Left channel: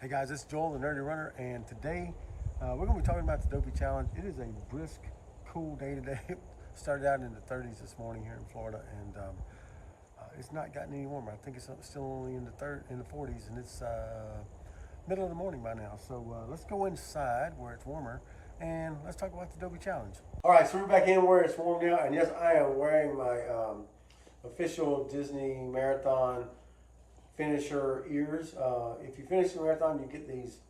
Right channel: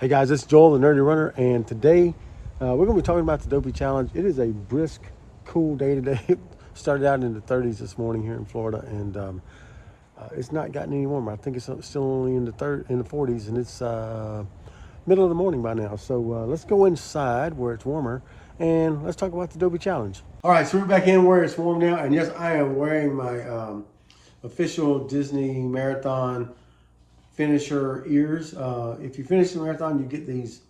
Hey guys, it's Joel, the Nerdy Runner, and today we're going to be talking about the Dopey Challenge. It is a brisk, cool day today. It started out in the 30s this morning here in Florida, and it's not gotten any warmer. I think it's still only in the 40s, and it's middle of the morning by now. So let's go inside where it's warmer, and let's talk about the Dopey Challenge. All right, so we're back in where it's warm now, and yes, I am wearing my official Disney Marathon finisher ears. If you finish the marathon, you get these,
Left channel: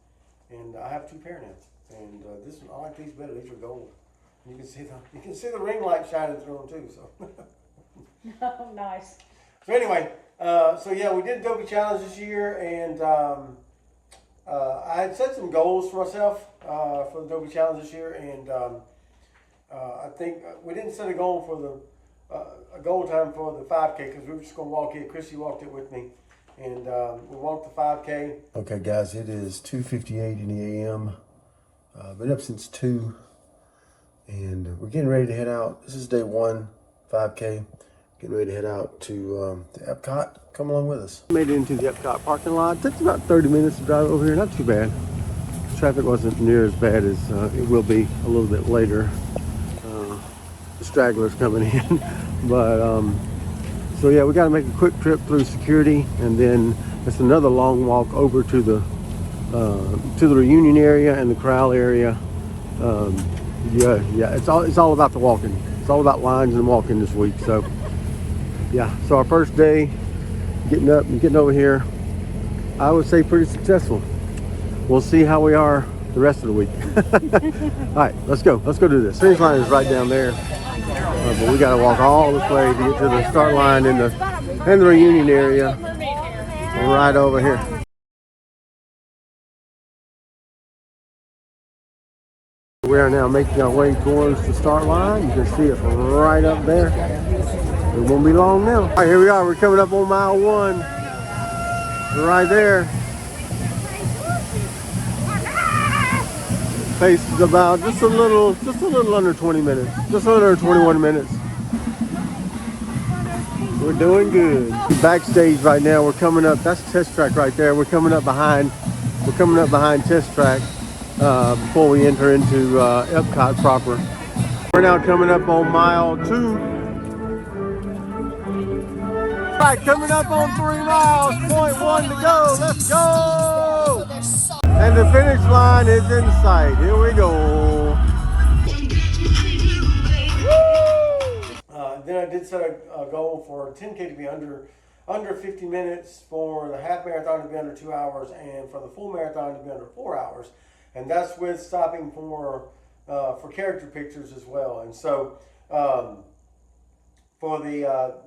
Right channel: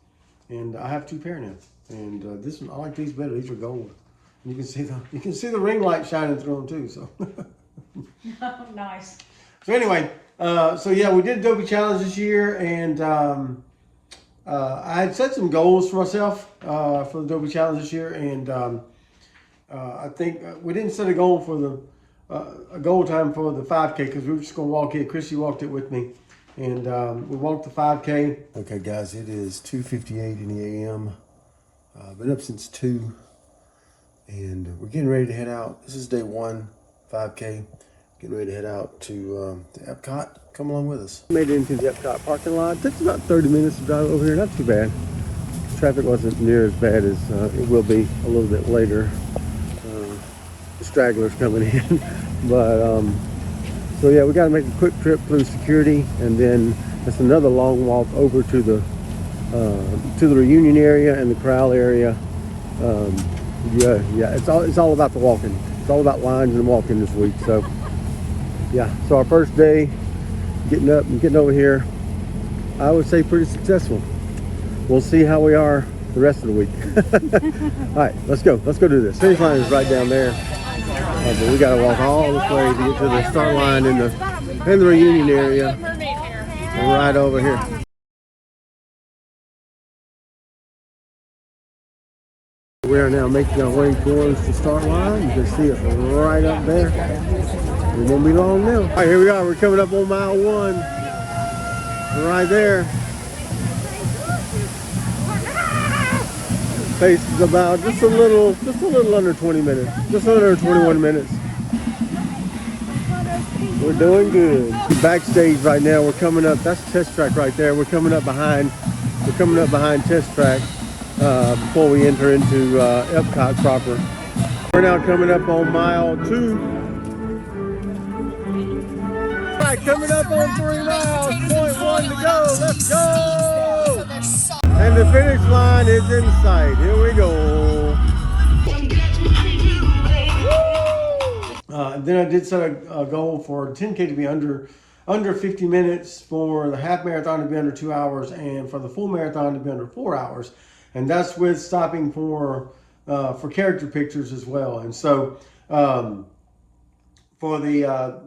and I have 2 pair now. And this one, I like these better. These are gold, and you can see the ring light shining through them too. So Oh, nice. So anyway, so yeah, we did Dopey Challenge this year, and I had set some goals for myself for the Dopey Challenge this year, and I think we didn't set a goal for a goal time for the 5K because we were just gonna walk it. Chrissy walked it with me. And we walked the 5K. Okay, guys, it is 2:58 in the a.m. Been up since 2, and we're getting ready to head out. This is day 1, 5K. Getting ready to head out to Epcot. Come along with us. Made it into the Epcot parking lot. It took about 30 minutes to drive over here. Not too bad. Traffic wasn't near as bad as it will be a little bit later. The stragglers coming in, but. So yeah, we got to make a quick trip through security, and then it's another long walk over to the reunion area and the corral area. Yeah, it's all about the walking. It's all about lines and walking this week. So yeah, so our first day, getting up and getting over here, I would say pretty successful. We'll see how we are the rest of the week. All right, let's go do this. Finish line is right down there. But we gotta walk all this way to get to the start line in the reunion area, and right over here. We are now making our way towards the start line. You can see it right up there. It won't be long now. All right, here we are. We're coming up on mile 1. Right there. Pace is about just a little under 20 minutes. Just under 21 minutes. We're doing good. Backstage right now, we're coming up. That's Test Track right there. We're coming up behind Test Track before we enter into Epcot proper. We're now coming up on mile 2. All right, coming up on 3 miles. 0.1 to go. Let's go. And the finish line is in sight. Here we go. Then I did set a goal for 10K to be under 50 minutes, for the half marathon to be under 2 hours, and for the full marathon to be under 4 hours. And that's with stopping for character pictures as well. And so for the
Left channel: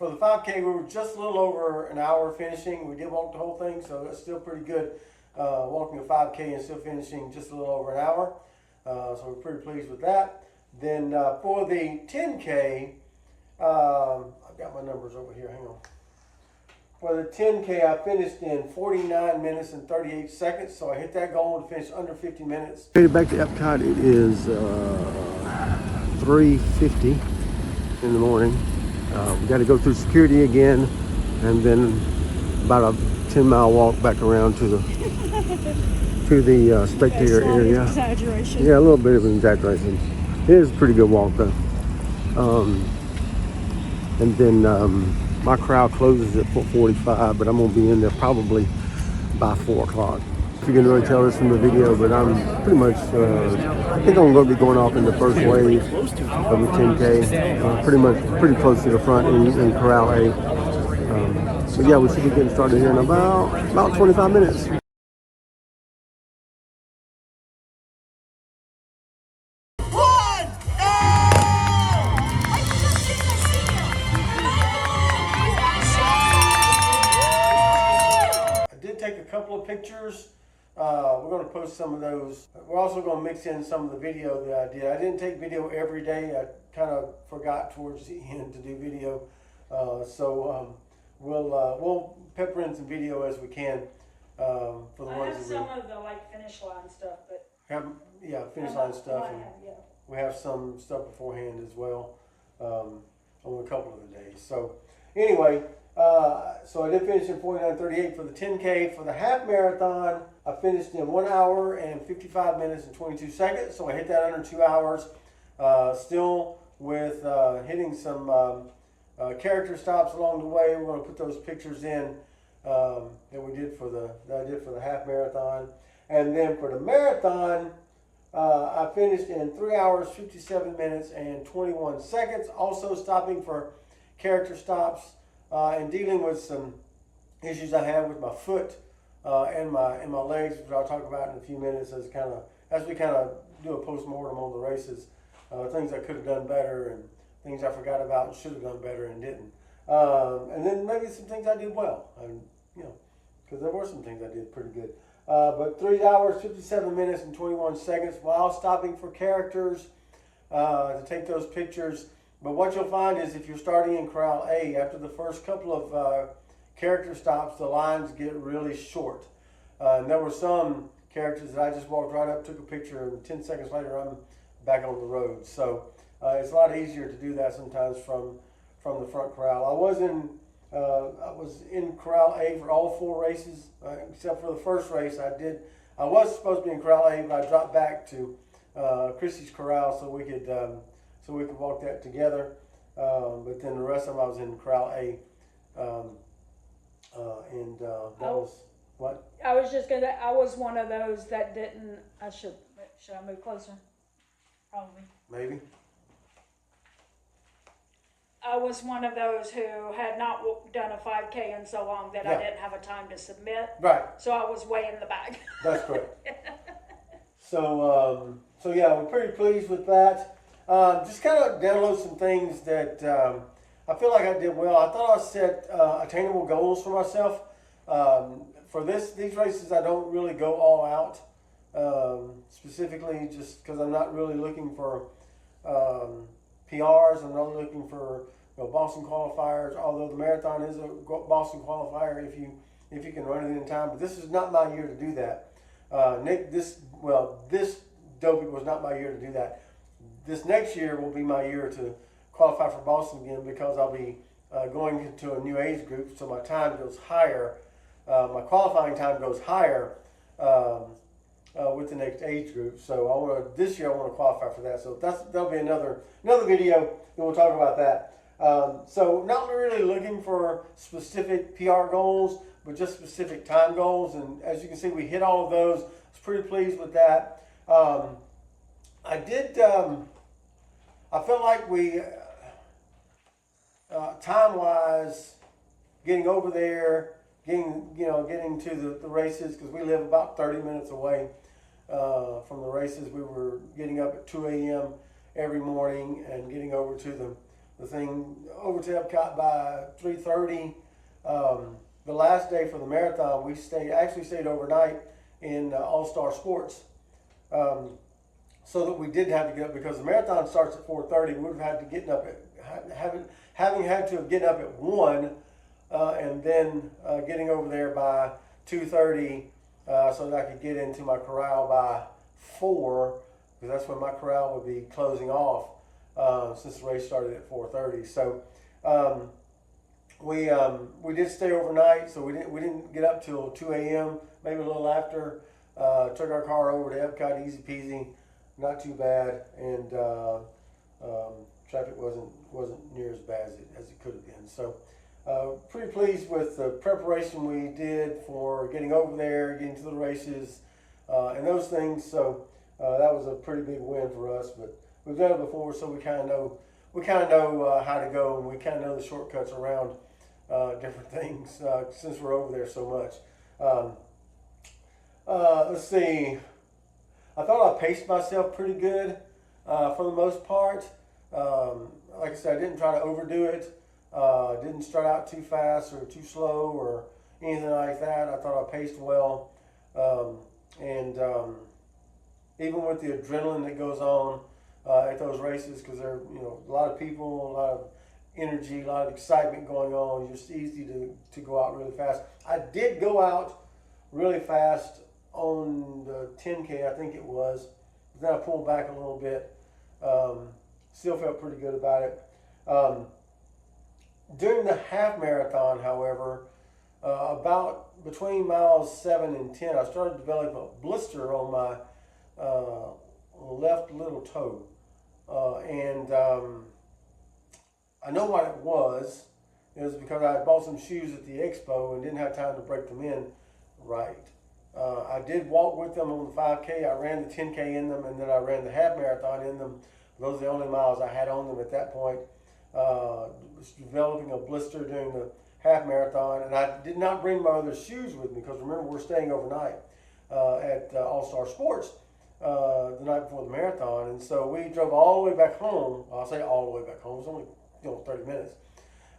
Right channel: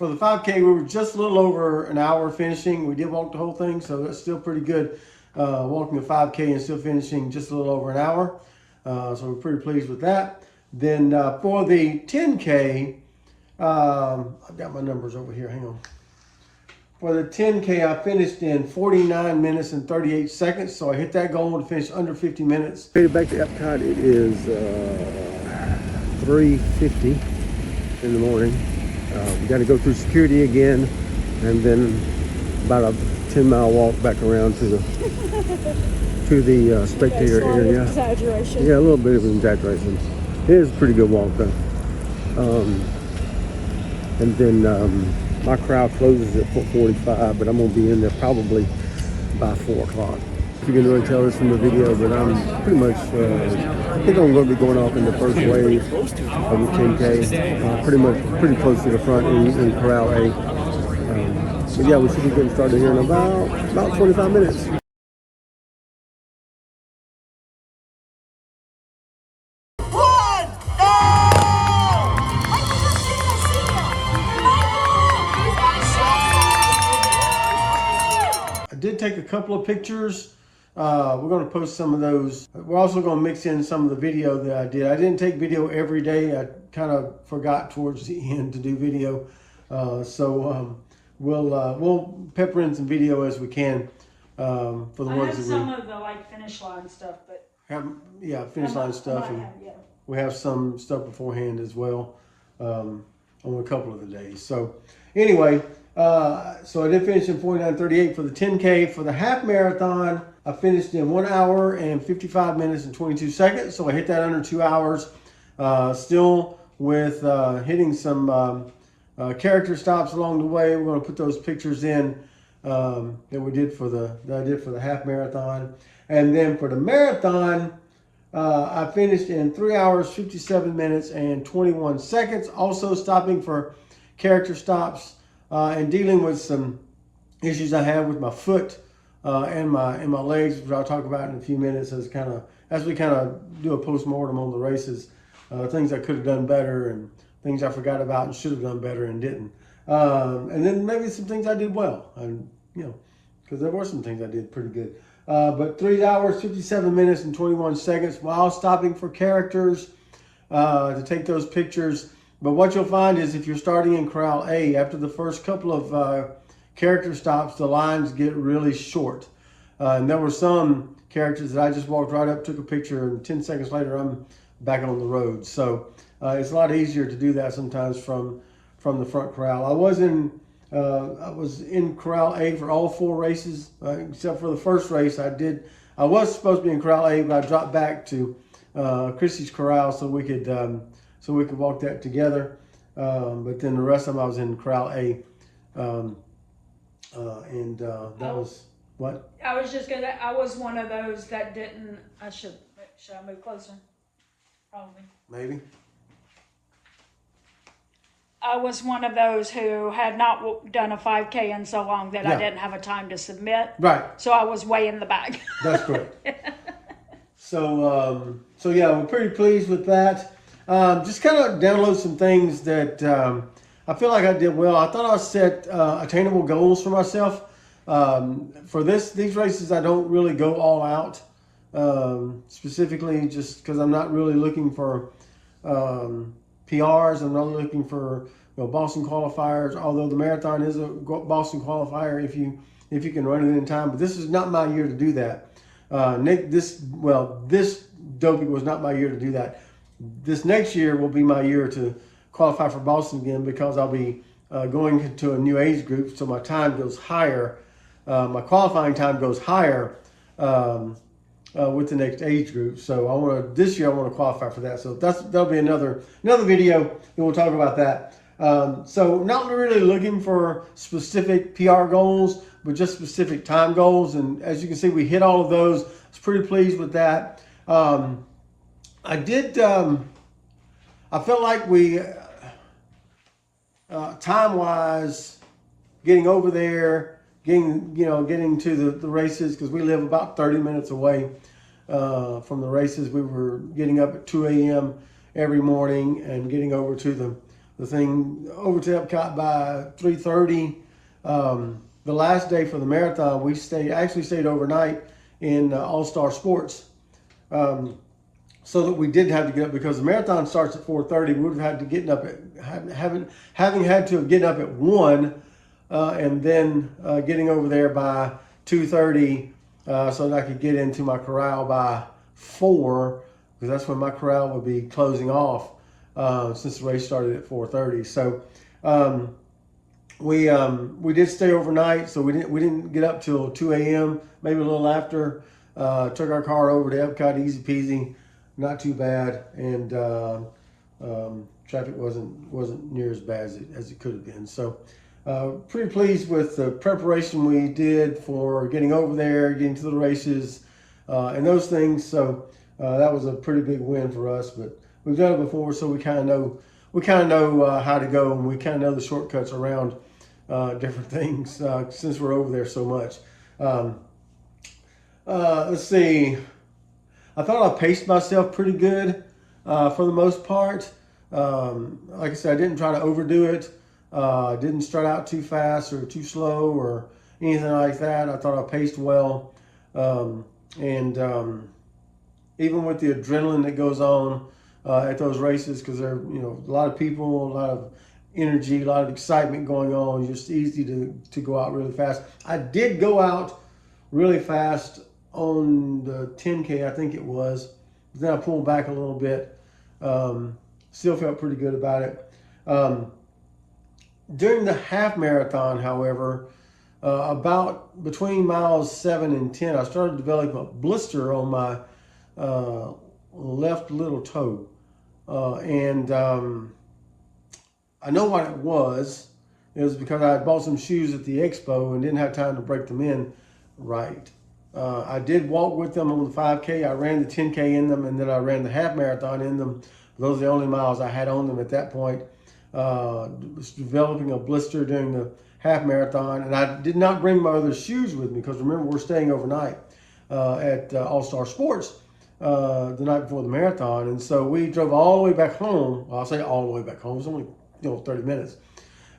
5K, we were just a little over an hour finishing. We did walk the whole thing, so that's still pretty good. Walking a 5K and still finishing just a little over an hour. So we're pretty pleased with that. Then for the 10K, I've got my numbers over here, hang on. For the 10K, I finished in 49 minutes and 38 seconds. So I hit that goal to finish under 50 minutes. Headed back to Epcot, it is 3:50 in the morning. We got to go through security again, and then about a 10-mile walk back around to the spectator area. Yeah, a little bit of an exaggeration. It is a pretty good walk though. And then my crowd closes at 4:45, but I'm gonna be in there probably by 4 o'clock. You can really tell this from the video, but I'm pretty much, I think I'm going to be going off in the first wave of the 10K, pretty close to the front in Corral A. But yeah, we should be getting started here in about 25 minutes. I did take a couple of pictures. We're going to post some of those. We're also going to mix in some of the video that I did. I didn't take video every day. I kind of forgot towards the end to do video. We'll pepper in some video as we can for the ones that we some of the finish line stuff, but finish line stuff, and we have some stuff beforehand as well on a couple of the days. So anyway, So I did finish in 49:38 for the 10K. For the half marathon, I finished in 1 hour and 55 minutes and 22 seconds. So I hit that under 2 hours. Still with hitting some character stops along the way. We're going to put those pictures in that I did for the half marathon. And then for the marathon, I finished in 3 hours, 57 minutes and 21 seconds. Also stopping for character stops and dealing with some issues I have with my foot and my legs, which I'll talk about in a few minutes as we kind of do a post-mortem on the races. Things I could have done better and things I forgot about and should have done better and didn't. And then maybe some things I did well, and because there were some things I did pretty good. But 3 hours, 57 minutes and 21 seconds while stopping for characters to take those pictures. But what you'll find is if you're starting in Corral A, after the first couple of character stops, the lines get really short. And there were some characters that I just walked right up, took a picture, and 10 seconds later, I'm back on the road. So it's a lot easier to do that sometimes from the front corral. I was in Corral A for all 4 races, except for the first race. I was supposed to be in Corral A, but I dropped back to Chrissy's Corral so we could walk that together. But then the rest of them I was in Corral A, that was what? I was one of those that didn't, should I move closer? Probably. Maybe. I was one of those who had not done a 5K in so long that I didn't have a time to submit. Right. So I was way in the back. That's correct. So yeah, we're pretty pleased with that. Just kind of download some things that I feel like I did well. I thought I set attainable goals for myself. For these races, I don't really go all out, specifically just because I'm not really looking for PRs. I'm not looking for Boston qualifiers, although the marathon is a Boston qualifier if you can run it in time. But this is not my year to do that. This Dopey was not my year to do that. This next year will be my year to qualify for Boston again, because I'll be going into a new age group, so my time goes higher. My qualifying time goes higher with the next age group. So this year I want to qualify for that. So that'll be another video, and we'll talk about that. So not really looking for specific PR goals, but just specific time goals. And as you can see, we hit all of those. I was pretty pleased with that. I felt like we, time-wise, getting over there, getting to the races, because we live about 30 minutes away from the races. We were getting up at 2 a.m. every morning and getting over to the thing, over to Epcot by 3:30. The last day for the marathon, we actually stayed overnight in All-Star Sports. So that we did have to get up, because the marathon starts at 4:30. We would have had to get up at having had to have get up at 1, and then getting over there by 2:30, so that I could get into my corral by 4, because that's when my corral would be closing off, since the race started at 4:30. So we did stay overnight, so we didn't get up till 2 a.m. maybe a little after. Took our car over to Epcot, easy peasy. Not too bad, and traffic wasn't near as bad as it could have been. So pretty pleased with the preparation we did for getting over there, getting to the races, and those things. So that was a pretty big win for us. But we've done it before, so we kind of know how to go, and we kind of know the shortcuts around different things since we're over there so much. Let's see. I thought I paced myself pretty good for the most part. Like I said, I didn't try to overdo it. Didn't start out too fast or too slow or anything like that. I thought I paced well. And even with the adrenaline that goes on at those races, because there are a lot of people, a lot of energy, a lot of excitement going on. It's just easy to go out really fast. I did go out really fast on the 10K, I think it was. But then I pulled back a little bit. Still felt pretty good about it. During the half marathon, however, about between miles 7 and 10, I started developing a blister on my left little toe. And I know what it was. It was because I had bought some shoes at the expo and didn't have time to break them in right. I did walk with them on the 5K. I ran the 10K in them, and then I ran the half marathon in them. Those are the only miles I had on them at that point. Was developing a blister during the half marathon, and I did not bring my other shoes with me because remember, we're staying overnight at All Star Sports the night before the marathon, and so we drove all the way back home. Well, I'll say all the way back home. It was only 30 minutes.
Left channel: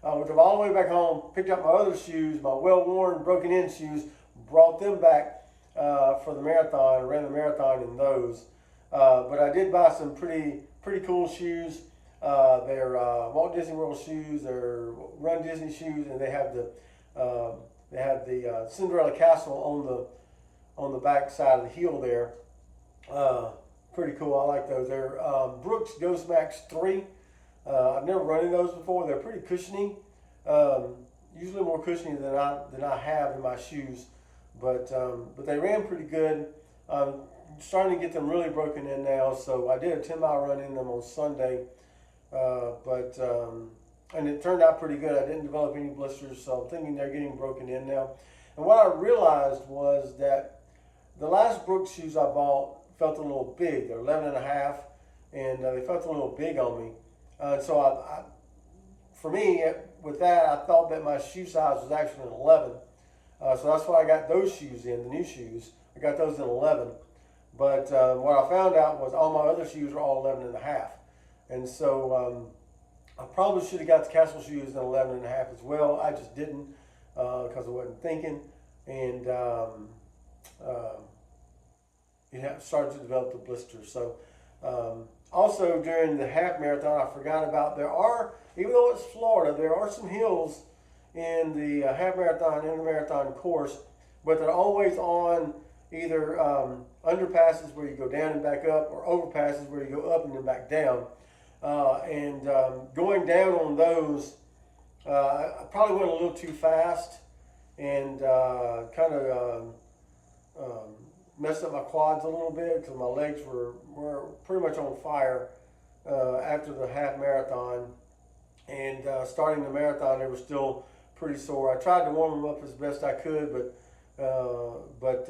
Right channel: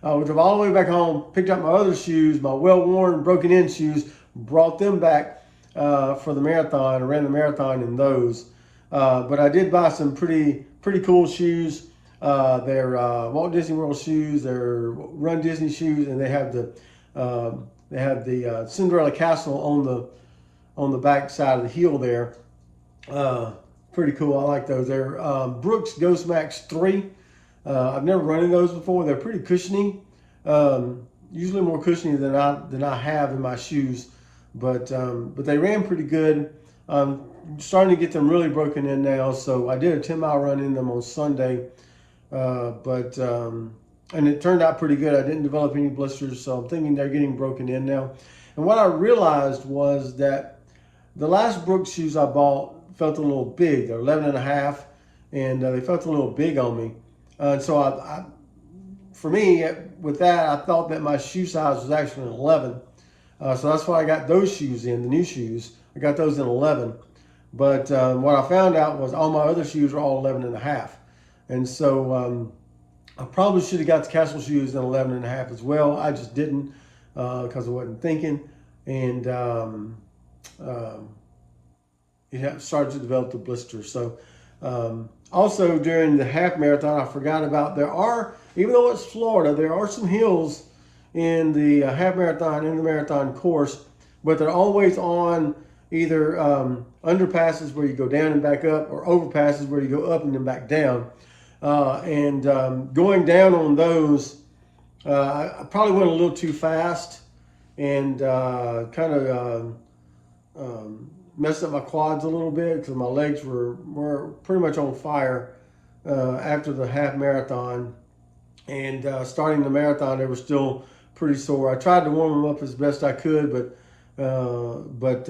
We drove all the way back home, picked up my other shoes, my well-worn, broken-in shoes, brought them back for the marathon, and ran the marathon in those. But I did buy some pretty cool shoes. They're Walt Disney World shoes. They're Run Disney shoes, and they have the Cinderella Castle on the back side of the heel there. Pretty cool. I like those. They're Brooks Ghost Max 3. I've never run in those before. They're pretty cushiony. Usually more cushiony than I have in my shoes, but they ran pretty good. I'm starting to get them really broken in now. So I did a 10-mile run in them on Sunday, and it turned out pretty good. I didn't develop any blisters, so I'm thinking they're getting broken in now. And what I realized was that the last Brooks shoes I bought felt a little big. They're 11.5, and they felt a little big on me. And so for me, with that, I thought that my shoe size was actually an 11. So that's why I got those shoes in, the new shoes. I got those in 11. But what I found out was all my other shoes were all 11.5. And so I probably should have got the Castle shoes in 11.5 as well. I just didn't because I wasn't thinking. And it started to develop the blister. So also during the half marathon, I forgot about, even though it's Florida, there are some hills in the half marathon, in the marathon course, but they're always on either underpasses where you go down and back up, or overpasses where you go up and then back down. Going down on those, I probably went a little too fast and kind of messed up my quads a little bit because my legs were pretty much on fire after the half marathon. And starting the marathon, they were still pretty sore. I tried to warm them up as best I could, but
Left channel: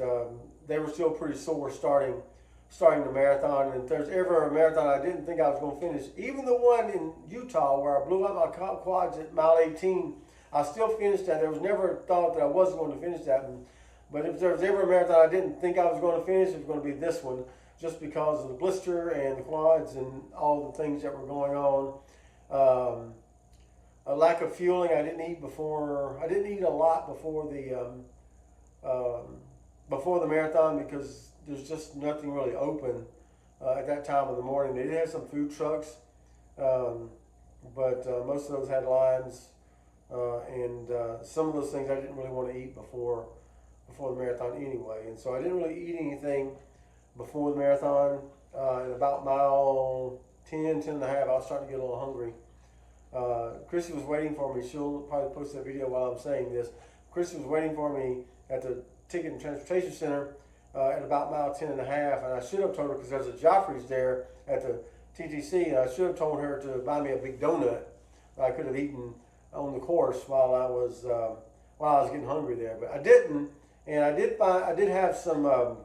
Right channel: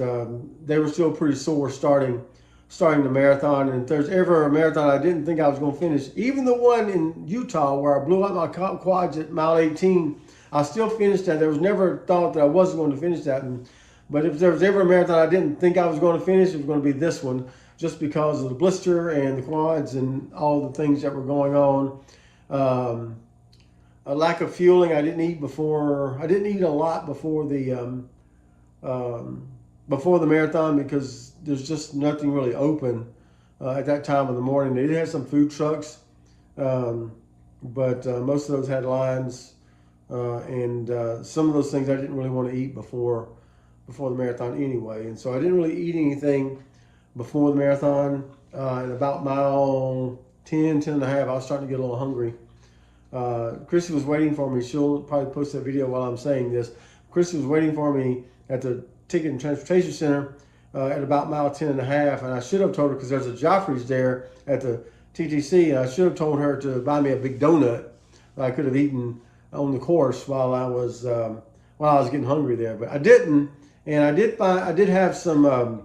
they were still pretty sore starting the marathon. And if there's ever a marathon I didn't think I was going to finish, even the one in Utah where I blew out my quads at mile 18, I still finished that. There was never a thought that I wasn't going to finish that. But if there was ever a marathon I didn't think I was going to finish, it was going to be this one, just because of the blister and the quads and all the things that were going on. A lack of fueling. I didn't eat a lot before the marathon because there's just nothing really open at that time of the morning. They did have some food trucks, but most of those had lines, and some of those things I didn't really want to eat before the marathon anyway. And so I didn't really eat anything before the marathon. At about mile 10 and a half, I was starting to get a little hungry. Chrissy was waiting for me. She'll probably post that video while I'm saying this. Chrissy was waiting for me at the Ticket and Transportation Center at about mile 10 and a half. And I should have told her, because there's a Joffrey's there at the TTC, and I should have told her to buy me a big donut that I could have eaten on the course while I was getting hungry there. But I didn't. And I did have some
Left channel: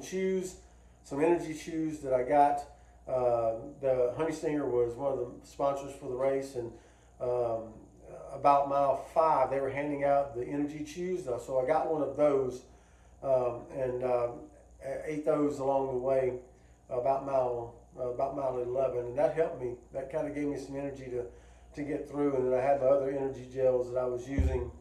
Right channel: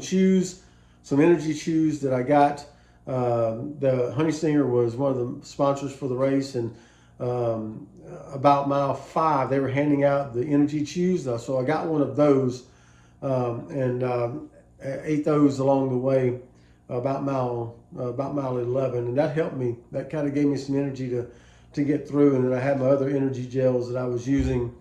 chews, some energy chews that I got. The Honey Stinger was one of the sponsors for the race, and about mile 5 they were handing out the energy chews, so I got one of those and ate those along the way about mile 11, and that helped me. That kind of gave me some energy to get through. And then I had my other energy gels that I was using.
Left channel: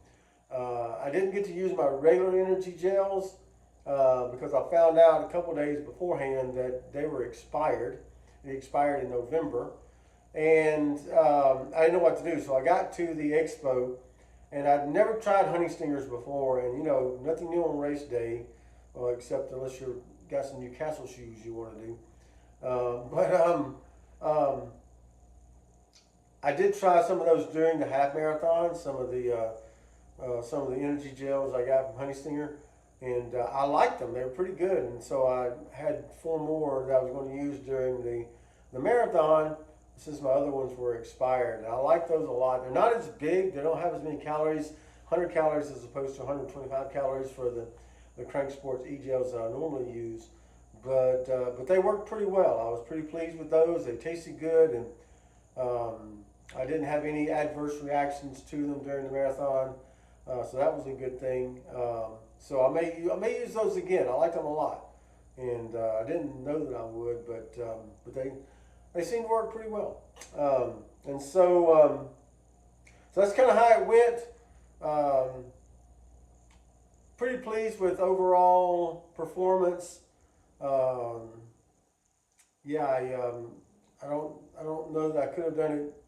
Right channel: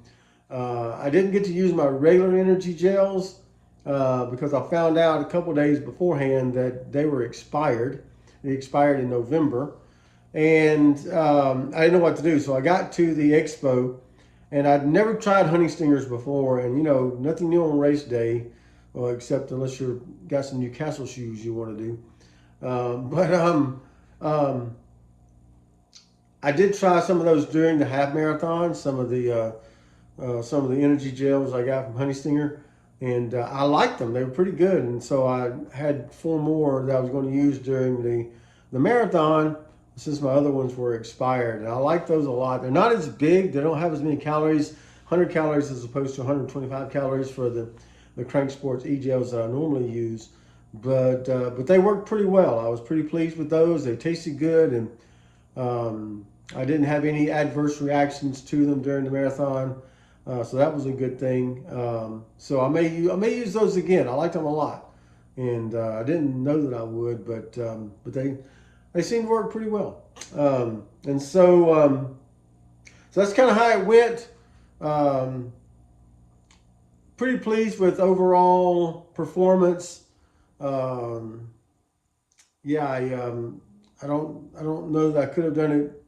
I didn't get to use my regular energy gels because I found out a couple days beforehand that they were expired. They expired in November, and I didn't know what to do. So I got to the expo, and I'd never tried Honey Stingers before, and nothing new on race day, except unless you've got some Newcastle shoes you want to do. I did try some of those during the half marathon, some of the energy gels I got from Honey Stinger, and I liked them. They were pretty good, and so I had 4 more that I was going to use during the marathon, since my other ones were expired. And I like those a lot. They're not as big. They don't have as many calories, 100 calories as opposed to 125 calories for the Crank Sports e-gels that I normally use. But they worked pretty well. I was pretty pleased with those. They tasted good, and I didn't have any adverse reactions to them during the marathon. So that was a good thing. So I may use those again. I liked them a lot, and I didn't know that I would, but they seem to work pretty well. And so that's kind of how it went. Pretty pleased with overall performance. Yeah, I don't know that I could have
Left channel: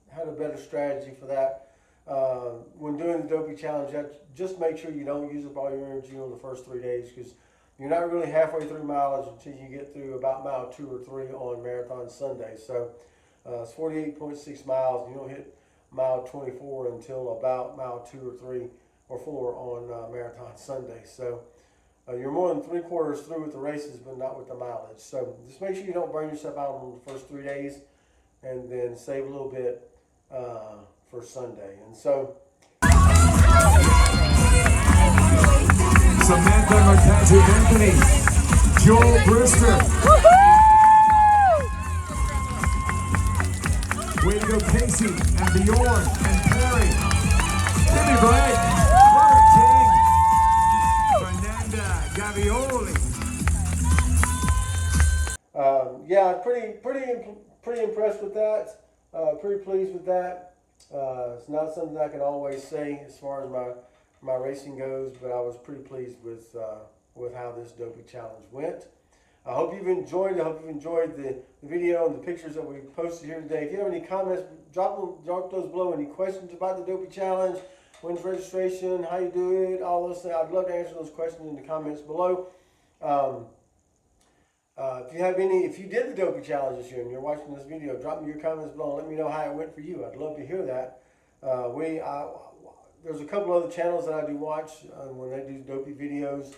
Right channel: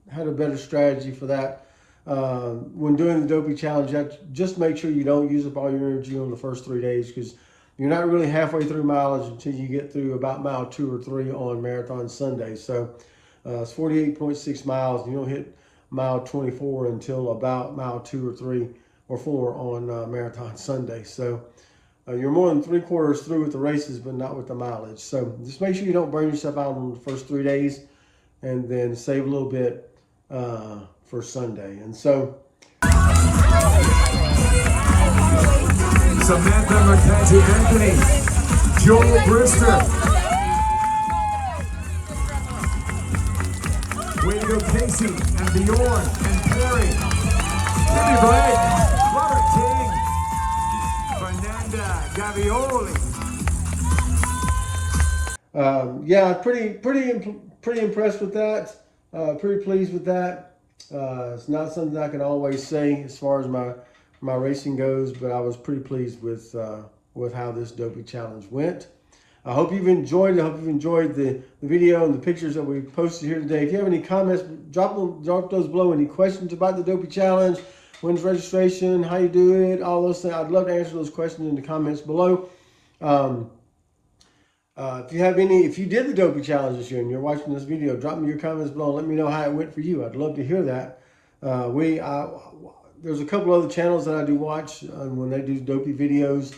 had a better strategy for that. When doing the Dopey challenge, just make sure you don't use up all your energy on the first 3 days, because you're not really halfway through mileage until you get through about mile 2 or 3 on Marathon Sunday. So it's 48.6 miles, and you don't hit mile 24 until about mile 2 or 3 or 4 on Marathon Sunday. So you're more than 3/4 through with the races, but not with the mileage. So just make sure you don't burn yourself out on the first 3 days, and then save a little bit for Sunday. And so Samantha Marquez Anthony, Joel Brewster. Way to go, Casey and Bjorn and Perry. Jimmy Blake, Robert King, Fernanda Gavioli. Yeah, pretty impressed with that. Pretty pleased with that. It's not something I can always say as far as my racing goes, but I was pretty pleased with how this Dopey challenge went. I hope you've enjoyed it. I hope you've enjoyed the video and the pictures that we posted here today. If you have any comments, drop those below. Any questions about the Dopey challenge, when's registration, how you do it, all those things. I'd love to answer those questions in the comments below. If you did the Dopey challenge this year and you're watching this video, drop me your comments below and let me know how it went for you. I'd love to hear that. There's a couple other channels that I do watch when they do Dopey videos,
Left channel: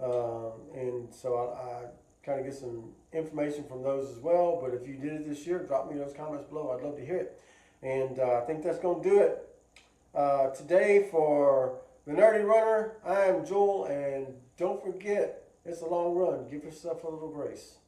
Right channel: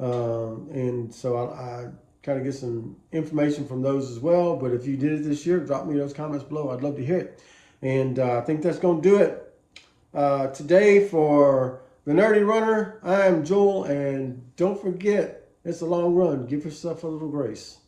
and so I kind of get some information from those as well. But if you did it this year, drop me those comments below. I'd love to hear it. And I think that's going to do it today for the Nerdy Runner. I am Joel, and don't forget, it's a long run. Give yourself a little grace.